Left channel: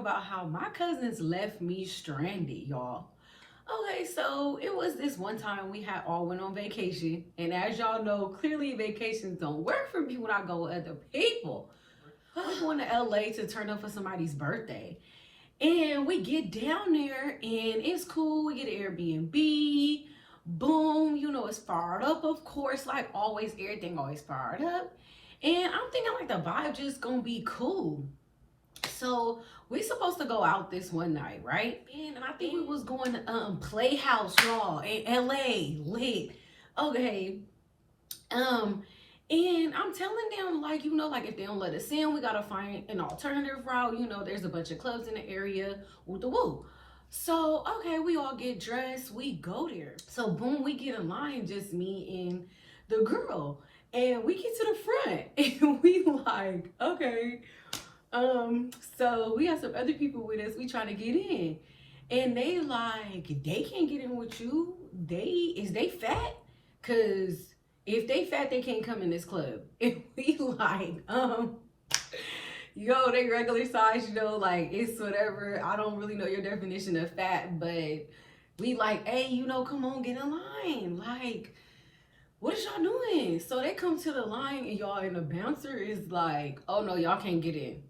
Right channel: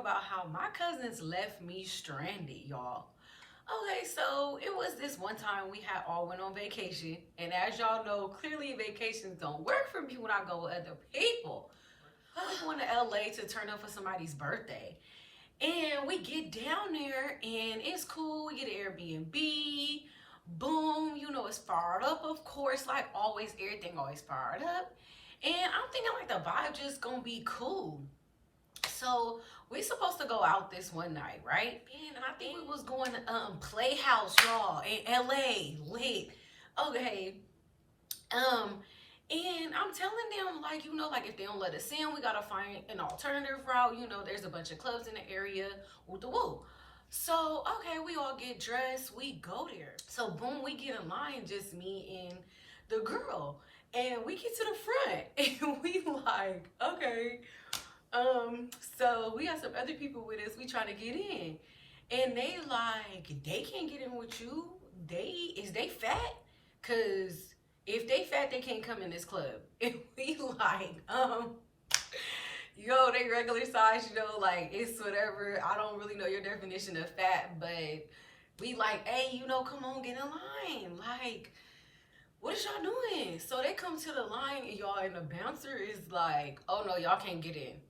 about how my cousins left me stranded, y'all. Okay, so it was this one time we had all went on vacation, and as y'all know, clearly vacations don't work for me when I go with other people. We're going to LA to turn up for somebody's birthday. And we get down there and it's cool. We get an Airbnb. Boom, it's fired up, of course. Like always, everything always fired up. And I'm thinking like the vibe just gonna be cool. So we supposed to go out this one night, right? And I think we was going to Playhouse, y'all, in LA. Lit. Okay. Um, and I'm telling them, like, like if they don't let us in, we gotta find an alternative route. There's a bunch of clubs in the area. Woo the woo. So, okay, we all get dressed, we go there. So, boom, we get in line, just me and the girl. And we get to the front and we like, okay. So we got some other people with us, we trying to get in. And they like, they can't get in with you. Is they fat? Cause if they fat, they can't come in this club. And we like, yo, they regular size, like it's whatever. I don't really know your definition of fat, but we like, hey, come on, get in line. Like, what is y'all doing? So they come to the line and y'all, and the bouncer is like, oh no, y'all can't get in.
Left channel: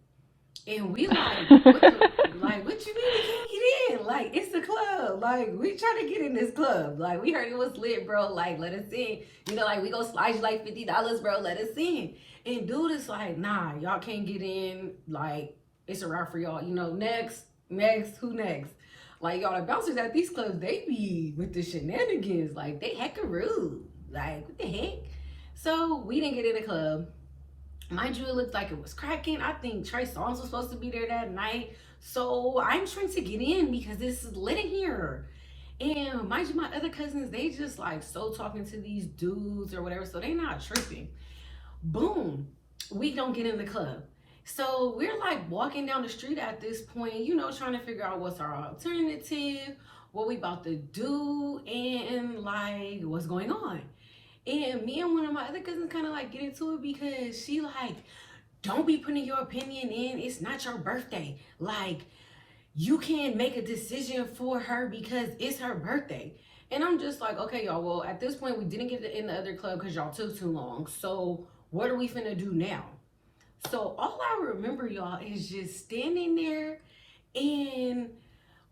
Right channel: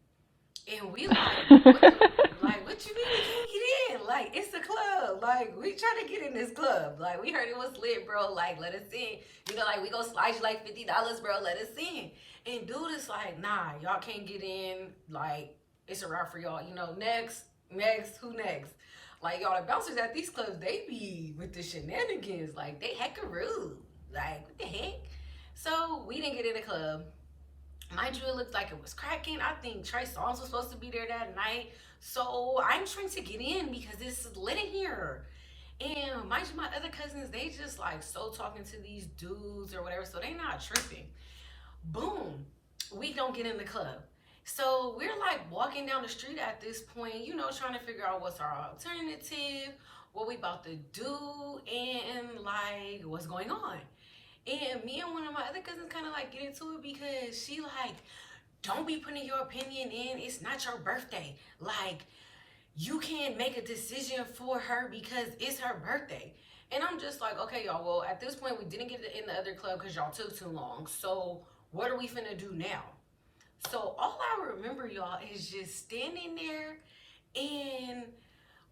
And we like, what you mean we can't get in? Like, it's the club. Like, we trying to get in this club. Like, we heard it was lit, bro. Like, let us in. Like, we go slide you like $50, bro. Let us in. And dude is like, nah, y'all can't get in. Like, it's a wrap for y'all. Next, who next? Like, y'all, the bouncers at these clubs, they be with the shenanigans. Like, they hecka rude. Like, what the heck? So, we didn't get in the club. Mind you, it looked like it was cracking. I think Trey Songz was supposed to be there that night. So I'm trying to get in because it's lit in here. And mind you, my other cousins, they just like so talking to these dudes or whatever. So they not tripping. Boom. We don't get in the club. So we're like walking down the street at this point, trying to figure out what's our alternative, what we about to do, and like what's going on. And me and one of my other cousins kind of like get into it because she like, don't be putting your opinion in. It's not your birthday. Like, you can't make a decision for her because it's her birthday. And I'm just like, okay, y'all, well, at this point, we didn't get in the other club because y'all took too long. So what are we finna do now? So all I remember, y'all, is just standing there and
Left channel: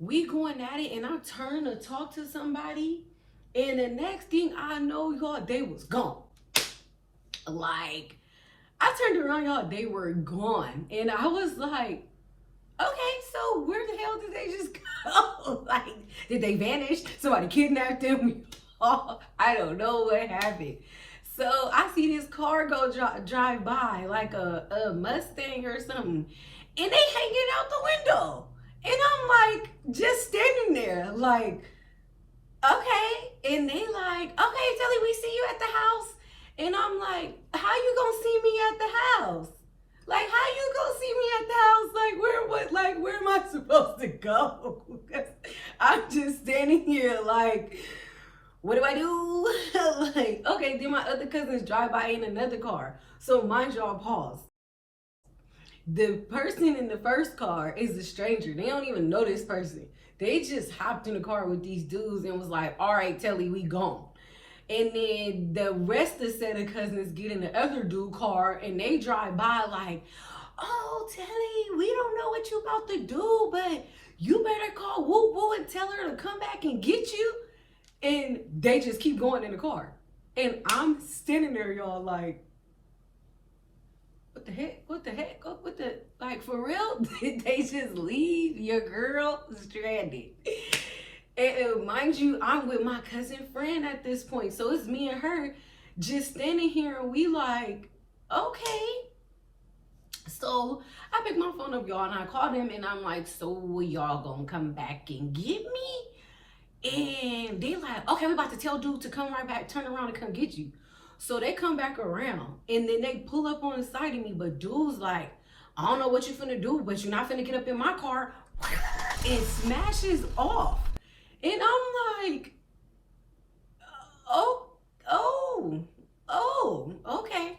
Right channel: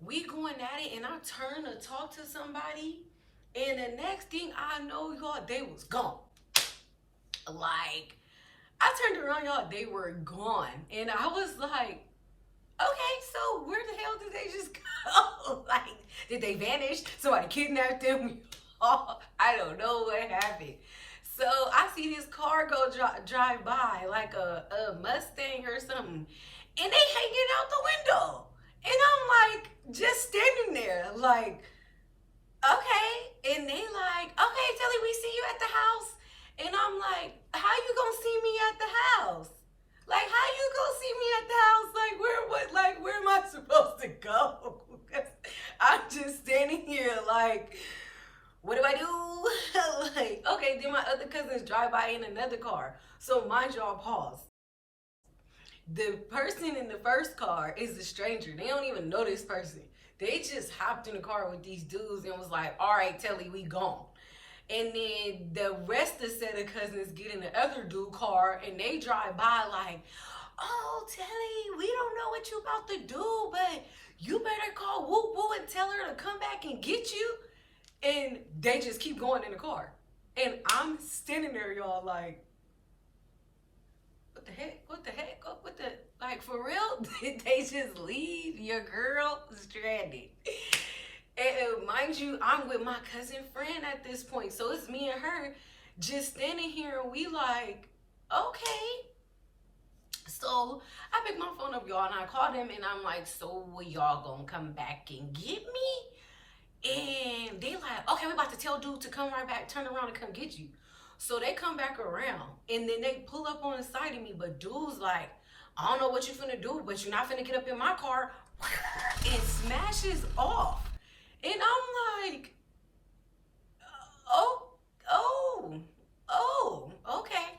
we going at it. And I turn to talk to somebody. And the next thing I know, y'all, they was gone. Like, I turned around, y'all, they were gone. And I was like, okay, so where the hell did they just go? Like, did they vanish? Somebody kidnapped them? Oh, I don't know what happened. So I see this car go drive by, like a Mustang or something. And they hanging out the window. And I'm like, just standing there, like, okay. And they like, okay, Telly, we see you at the house. And I'm like, how you gonna see me at the house? Like, how you gonna see me at the house? Where am I supposed to go? I'm just standing here like, what do I do? Like, okay, then my other cousins drive by in another car. So mind y'all, pause. The person in the first car is a stranger. They don't even know this person. They just hopped in the car with these dudes and was like, all right, Telly, we gone. And then the rest of the set of cousins get in the other dude car and they drive by like, oh, Telly, we don't know what you about to do, but you better call Woo Woo and tell her to come back and get you. And they just keep going in the car. And I'm standing there, y'all, like, what the heck? What the heck? What the, like, for real? Did they just leave your girl stranded? And mind you, I'm with my cousin friend at this point. So it's me and her just standing here and we like, okay. So I picked my phone up, y'all, and I called him and I'm like, so y'all gonna come back and get me? And they like, okay, we about to tell dude to come right back, turn around and come get you. So they come back around and then they pull up on the side of me, but dude's like, I don't know what you finna do, but you're not finna get up in my car, and smashes off. And I'm like, oh, okay,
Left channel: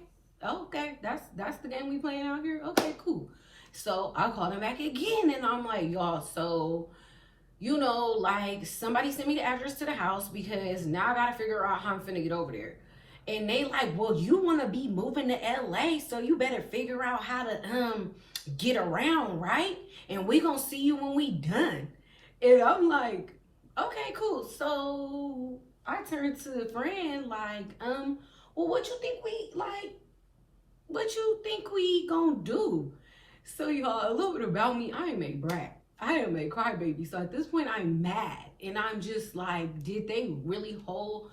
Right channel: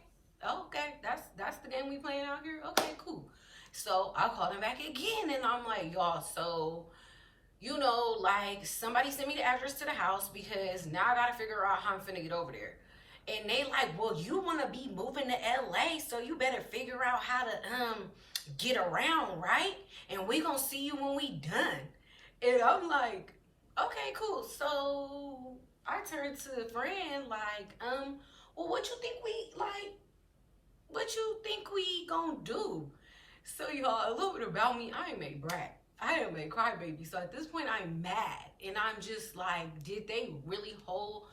that's the game we playing out here. Okay, cool. So I called him back again, and I'm like, y'all, so like somebody sent me the address to the house because now I gotta figure out how I'm finna get over there. And they like, well, you wanna be moving to LA, so you better figure out how to get around, right? And we gonna see you when we done. And I'm like, okay, cool. So I turned to a friend like, well, what you think we like? What you think we gonna do? So y'all, a little bit about me. I am a brat. I am a crybaby. So at this point, I'm mad, and I'm just like, did they really whole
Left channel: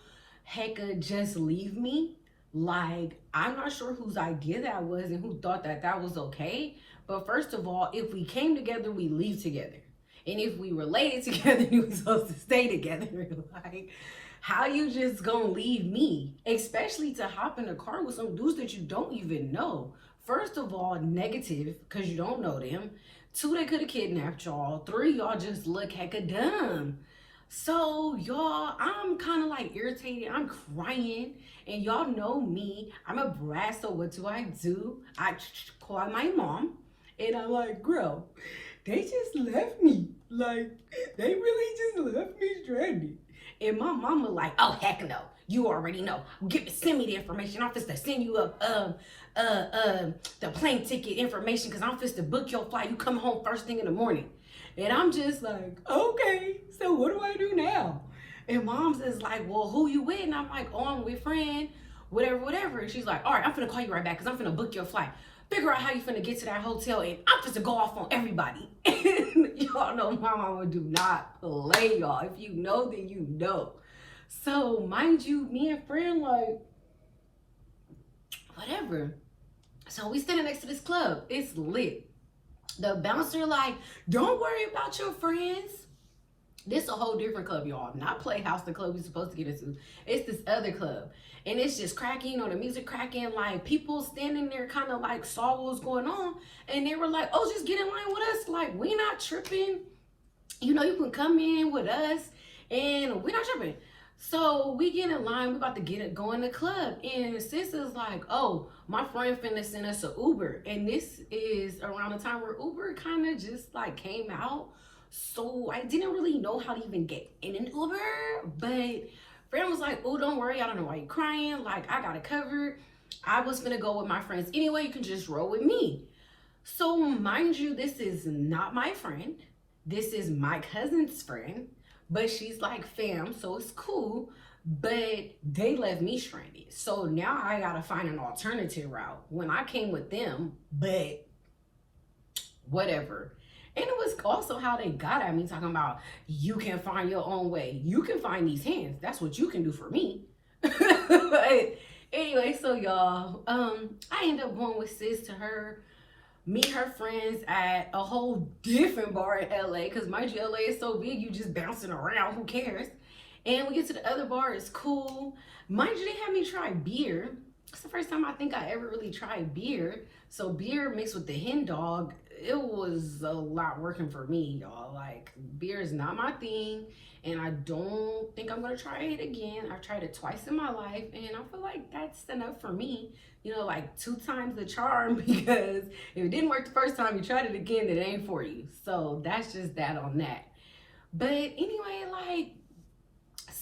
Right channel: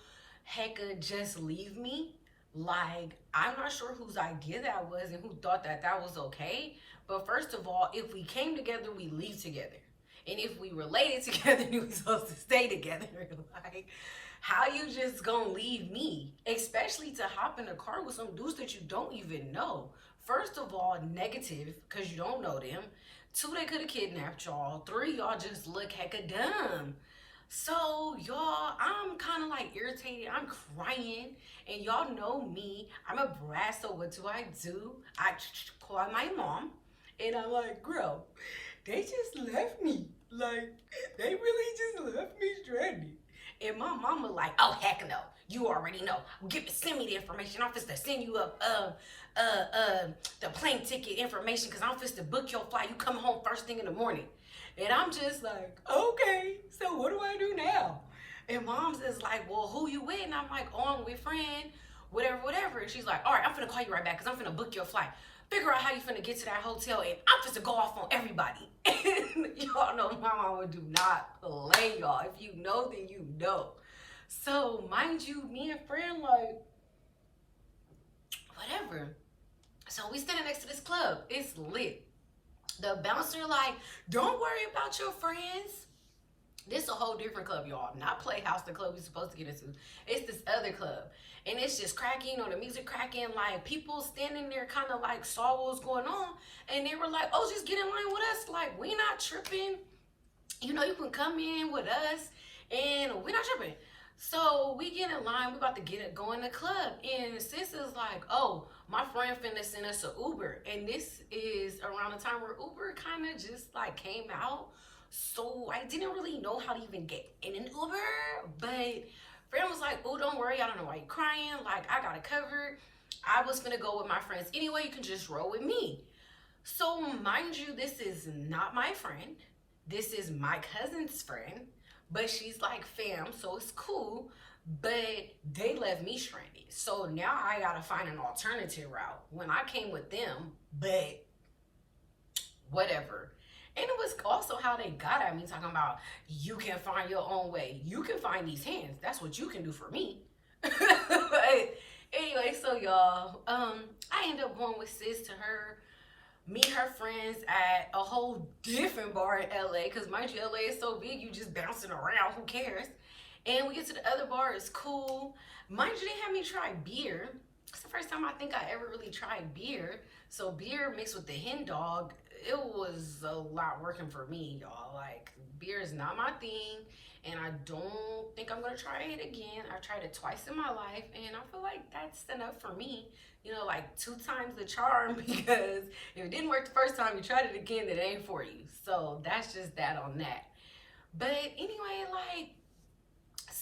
hecka just leave me? Like, I'm not sure whose idea that was and who thought that that was okay. But first of all, if we came together, we leave together. And if we related together, we supposed to stay together. Like, how you just gonna leave me? Especially to hop in a car with some dudes that you don't even know. First of all, negative, because you don't know them. Two, they could have kidnapped y'all. Three, y'all just look hecka dumb. So, y'all, I'm kind of like irritated. I'm crying. And y'all know me. I'm a brat, so what do? I call my mom. And I'm like, girl, they just left me. Like, they really just left me stranded. And my mama like, oh heck no, you already know. Send me the information. I'm finna send you up the plane ticket information because I'm finna book your flight. You come home first thing in the morning. And I'm just like, okay, so what do I do now? And mom's is like, well, who you with? And I'm like, oh, I'm with friend, whatever. And she's like, all right, I'm finna call you right back because I'm finna book your flight. Figure out how you finna get to that hotel, and I'm just to go off on everybody. And y'all know my mama do not play, y'all. If you know, then you know. So mind you, me and friend like, whatever. So we standing next to this club. It's lit. The bouncer like, don't worry about your friends. This is a whole different club, y'all. Not Playhouse, the club we're supposed to get into. It's this other club. And it's just cracking, the music cracking. Like, people standing there kind of like saw what was going on. And they were like, oh, just get in line with us. Like, we not tripping. You can come in with us. And we not tripping. So we get in line. We about to go in the club. And sis is like, oh, my friend finna send us an Uber. And this is around the time where Uber kind of just like came out. So I didn't really know how to even get in an Uber, but friend was like, oh, don't worry. I don't know why you're crying. Like, I got it covered. I was gonna go with my friends anyway. You can just roll with me. So mind you, this is not my friend. This is my cousin's friend, but she's like fam, so it's cool. But they left me stranded. So now I gotta find an alternative route when I came with them, but whatever. And it was also how they got at me, talking about, you can find your own way. You can find these hands. That's what you can do for me. But anyway, so y'all, I end up going with sis to meet her friends at a whole different bar in LA. Because mind you, LA is so big, you just bouncing around. Who cares? And we get to the other bar. It's cool. Mind you, they had me try beer. It's the first time I think I ever really tried beer. So beer mixed with the hen dog, it was a lot working for me, y'all. Like, beer is not my thing, and I don't think I'm gonna try it again. I've tried it twice in my life, and I feel like that's enough for me. Like 2 times the charm, because if it didn't work the first time, you tried it again, it ain't for you. So that's just that on that. But anyway, like,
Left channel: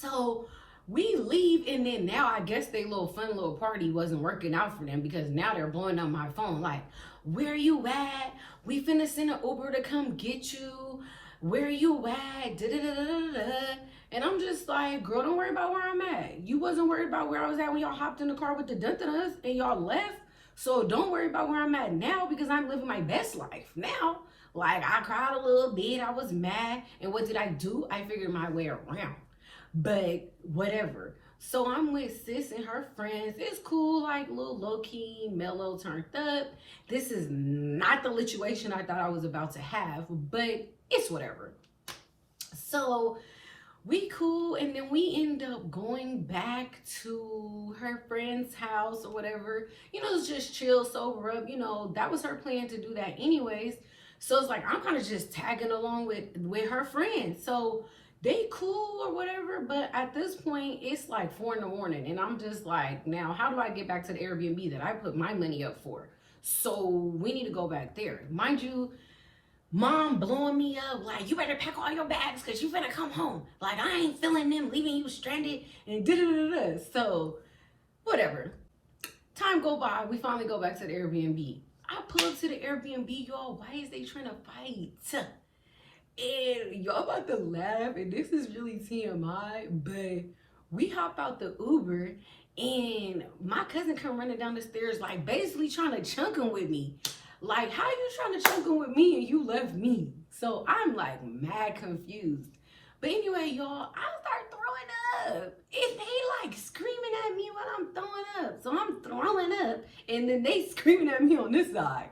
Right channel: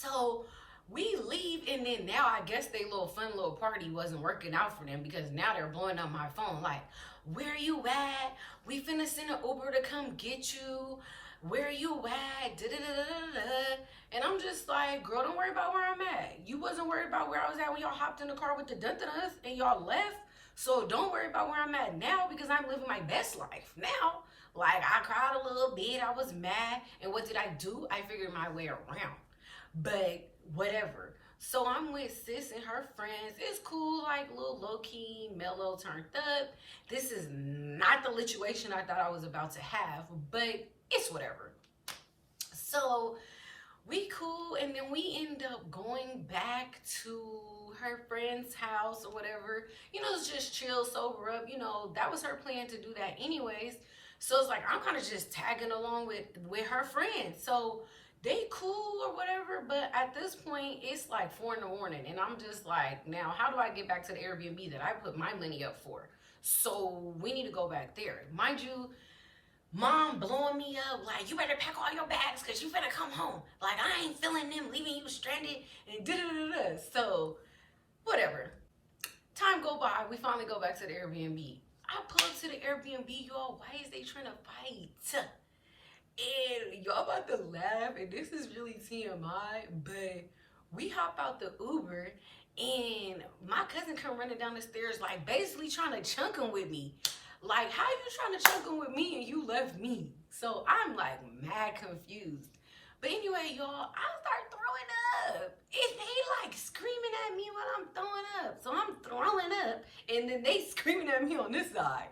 so we leave, and then now I guess they fun little party wasn't working out for them, because now they're blowing up my phone like, where you at? We finna send an Uber to come get you. Where you at? And I'm just like, girl, don't worry about where I'm at. You wasn't worried about where I was at when y'all hopped in the car with the dun-dun-duns and y'all left. So don't worry about where I'm at now, because I'm living my best life now. Like, I cried a little bit. I was mad. And what did I do? I figured my way around. But whatever. So I'm with sis and her friends. It's cool, like little low-key, mellow, turned up. This is not the situation I thought I was about to have, but it's whatever. So we cool, and then we end up going back to her friend's house or whatever. It's just chill, sober up. That was her plan to do that anyways. So it's like, I'm kind of just tagging along with her friend. So they cool or whatever, but at this point, it's like 4 in the morning, and I'm just like, now, how do I get back to the Airbnb that I put my money up for? So we need to go back there. Mind you, mom blowing me up like, you better pack all your bags because you better come home. Like, I ain't feeling them leaving you stranded and da da da da. So whatever. Time go by. We finally go back to the Airbnb. I pull up to the Airbnb, y'all. Why is they trying to fight? And y'all about to laugh, and this is really TMI, but we hop out the Uber, and my cousin come running down the stairs, like basically trying to chunk him with me. Like, how you trying to chunk him with me and you left me? So I'm like mad confused. But anyway, y'all, I start throwing up. And they like screaming at me while I'm throwing up. So I'm throwing up, and then they screaming at me on this side.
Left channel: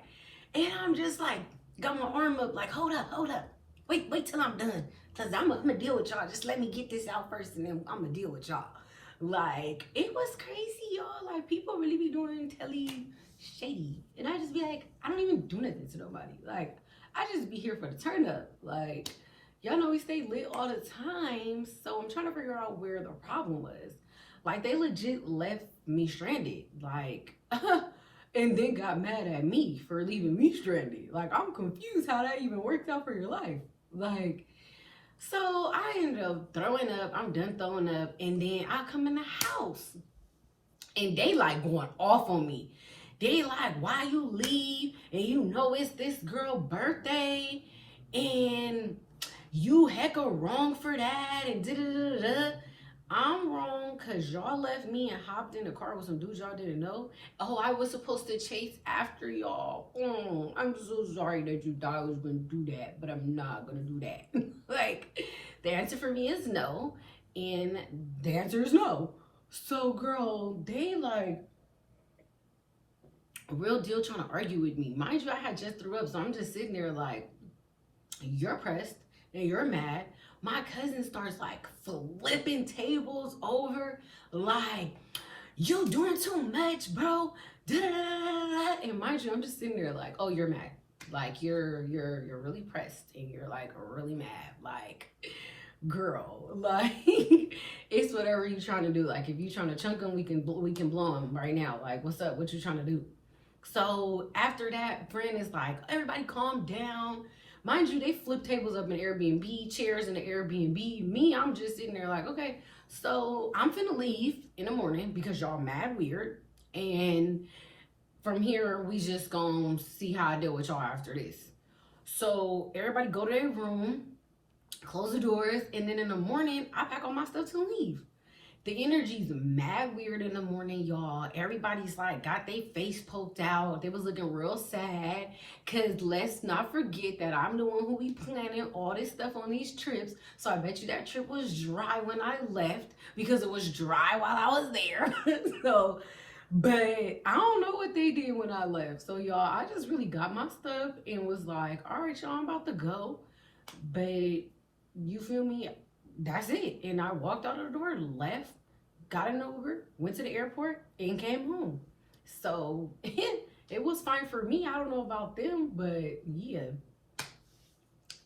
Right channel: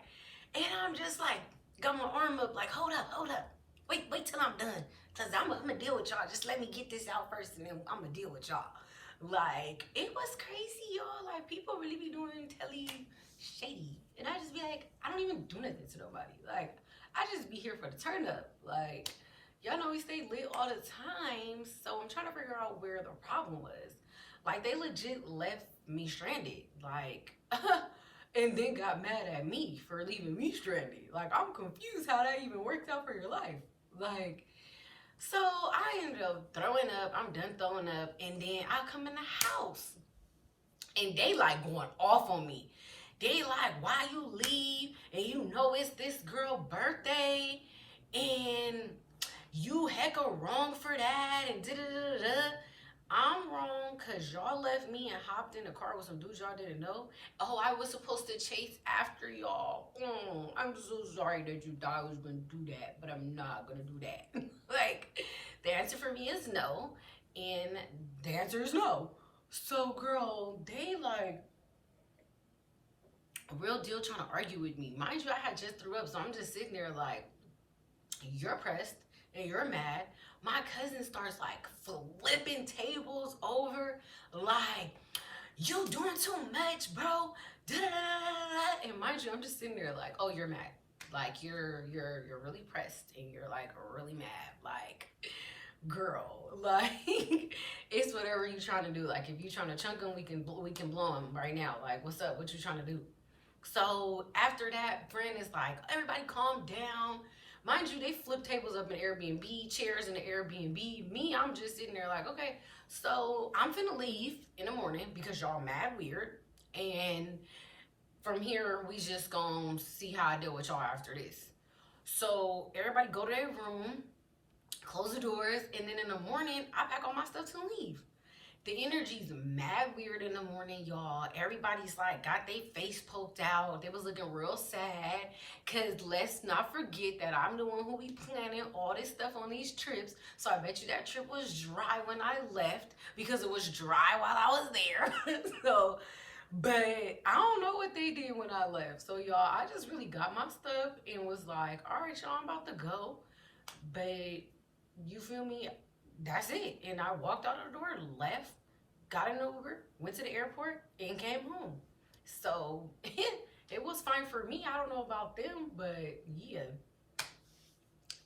And I'm just like, got my arm up, like, hold up. Wait till I'm done. Cause I'm gonna deal with y'all. Just let me get this out first and then I'm gonna deal with y'all. Like, it was crazy, y'all. Like, people really be doing telly shady. And I just be like, I don't even do nothing to nobody. Like, I just be here for the turn up. Like, y'all know we stay lit all the time. So I'm trying to figure out where the problem was. Like, they legit left me stranded. Like, and then got mad at me for leaving me stranded. Like, I'm confused how that even worked out for your life. Like, so I ended up throwing up. I'm done throwing up. And then I come in the house. And they like going off on me. They like, why you leave? And you know it's this girl's birthday. And you hecka wrong for that. And da-da-da-da. I'm wrong because y'all left me and hopped in the car with some dudes y'all didn't know. Oh, I was supposed to chase after y'all. I'm so sorry that you thought I was going to do that, but I'm not going to do that. Like, the answer for me is no, and the answer is no. So, girl, they like, real deal trying to argue with me. Mind you, I had just threw up, so I'm just sitting there like, you're pressed and you're mad. My cousin starts like flipping tables over, like, you doing too much, bro. Da-da-da-da-da. And mind you, I'm just sitting there like, oh, you're mad. Like, you're really pressed and you're like really mad. Like, girl, like, it's whatever you trying to do. Like, if you trying to chunk him, we can blow him right now. Like, what's up? What you trying to do? So after that, friend is like, everybody calm down. Mind you, they flip tables up in Airbnb, chairs in the Airbnb. Me, I'm just sitting there like, okay, so I'm finna leave in the morning because y'all mad weird. And from here, we just gonna see how I deal with y'all after this. So everybody go to their room, close the doors, and then in the morning, I pack all my stuff to leave. The energy's mad weird in the morning, y'all. Everybody's like got their face poked out. They was looking real sad. Cause let's not forget that I'm the one who be planning all this stuff on these trips. So I bet you that trip was dry when I left because it was dry while I was there. So, but I don't know what they did when I left. So y'all, I just really got my stuff and was like, all right, y'all, I'm about to go. But you feel me? That's it. And I walked out of the door, left, got an Uber, went to the airport, and came home. So it was fine for me. I don't know about them, but yeah.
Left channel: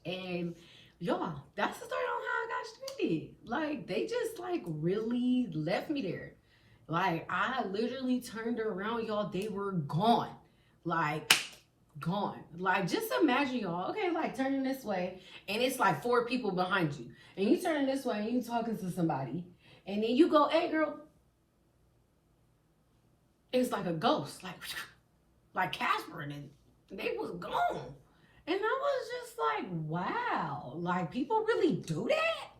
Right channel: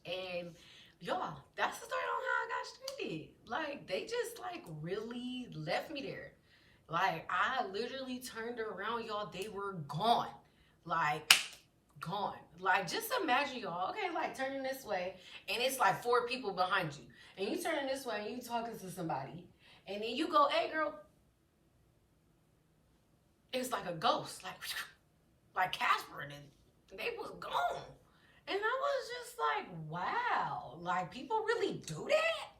And y'all, that's the story on how I got stranded. Like, they just like really left me there. Like, I literally turned around, y'all, they were gone. Like, gone. Like, just imagine, y'all, okay, like turning this way and it's like 4 people behind you, and you turning this way and you talking to somebody, and then you go, hey girl, it's like a ghost, like Casper, and they was gone. And I was just like, wow, like, people really do that?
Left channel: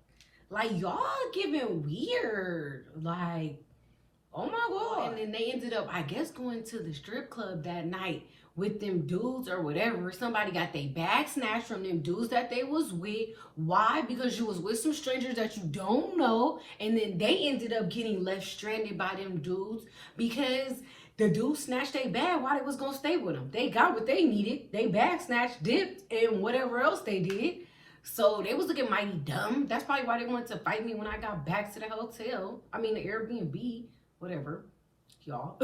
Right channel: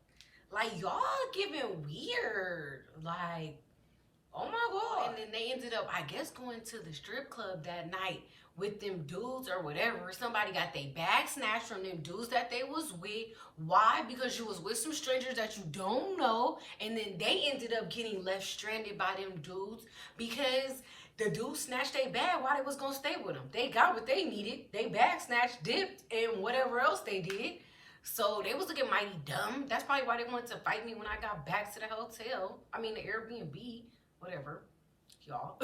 Like, y'all giving weird, like, oh my God. And then they ended up, I guess, going to the strip club that night with them dudes or whatever. Somebody got their bag snatched from them dudes that they was with. Why? Because you was with some strangers that you don't know. And then they ended up getting left stranded by them dudes because the dudes snatched their bag while they was going to stay with them. They got what they needed. They bag snatched, dipped, and whatever else they did. So they was looking mighty dumb. That's probably why they wanted to fight me when I got back to the hotel. I mean, the Airbnb. Whatever, y'all.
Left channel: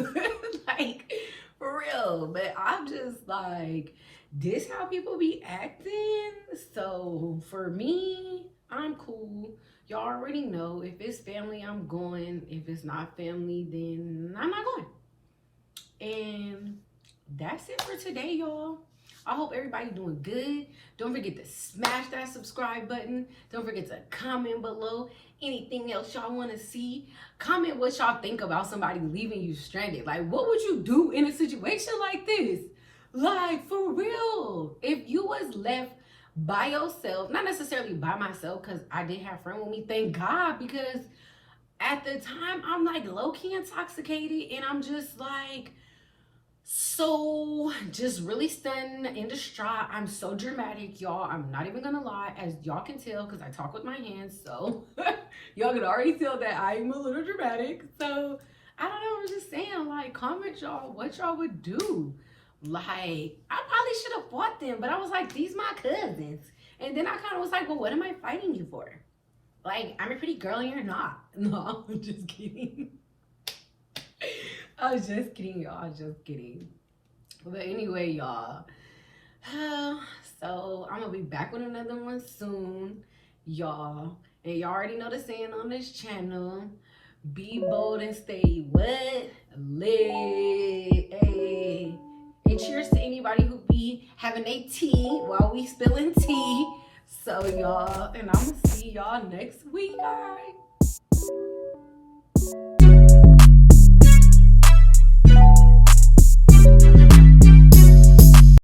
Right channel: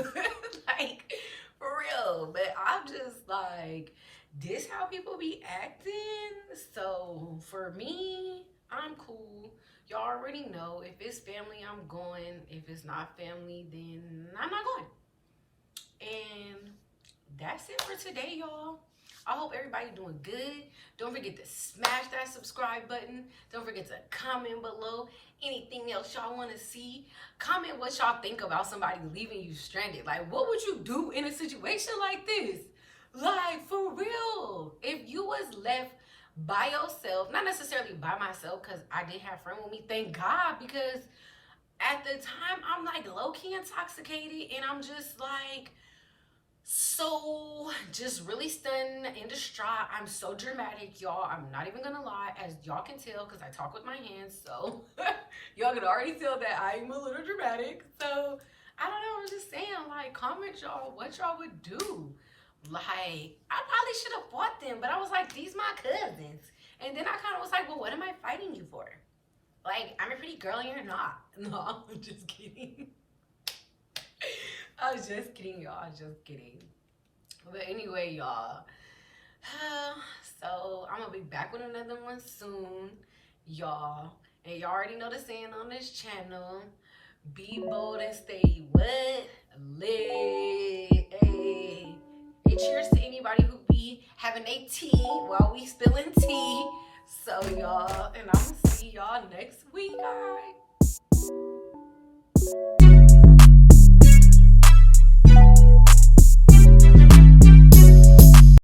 Like, for real. But I'm just like, this how people be acting? So for me, I'm cool. Y'all already know, if it's family, I'm going. If it's not family, then I'm not going. And that's it for today, y'all. I hope everybody doing good. Don't forget to smash that subscribe button. Don't forget to comment below anything else y'all want to see. Comment what y'all think about somebody leaving you stranded. Like, what would you do in a situation like this? Like, for real. If you was left by yourself, not necessarily by myself, because I did have a friend with me, thank God, because at the time I'm like low-key intoxicated and I'm just like, so just really stunned and distraught. I'm so dramatic, y'all. I'm not even gonna lie, as y'all can tell, because I talk with my hands. So y'all can already tell that I'm a little dramatic. So I don't know. I'm just saying, like, comment y'all what y'all would do. Like, I probably should have fought them, but I was like, these my cousins. And then I kind of was like, well, what am I fighting you for? Like, I'm a pretty girl and you're not. No, I'm just kidding. I was just kidding, y'all. I was just kidding. But anyway, y'all. So I'm gonna be back with another one soon, y'all. And y'all already know the saying on this channel: be bold and stay what? Lit. Hey. And cheers to anybody who be having a tea while we spilling tea. So y'all, and I'm gonna see y'all next week, guys.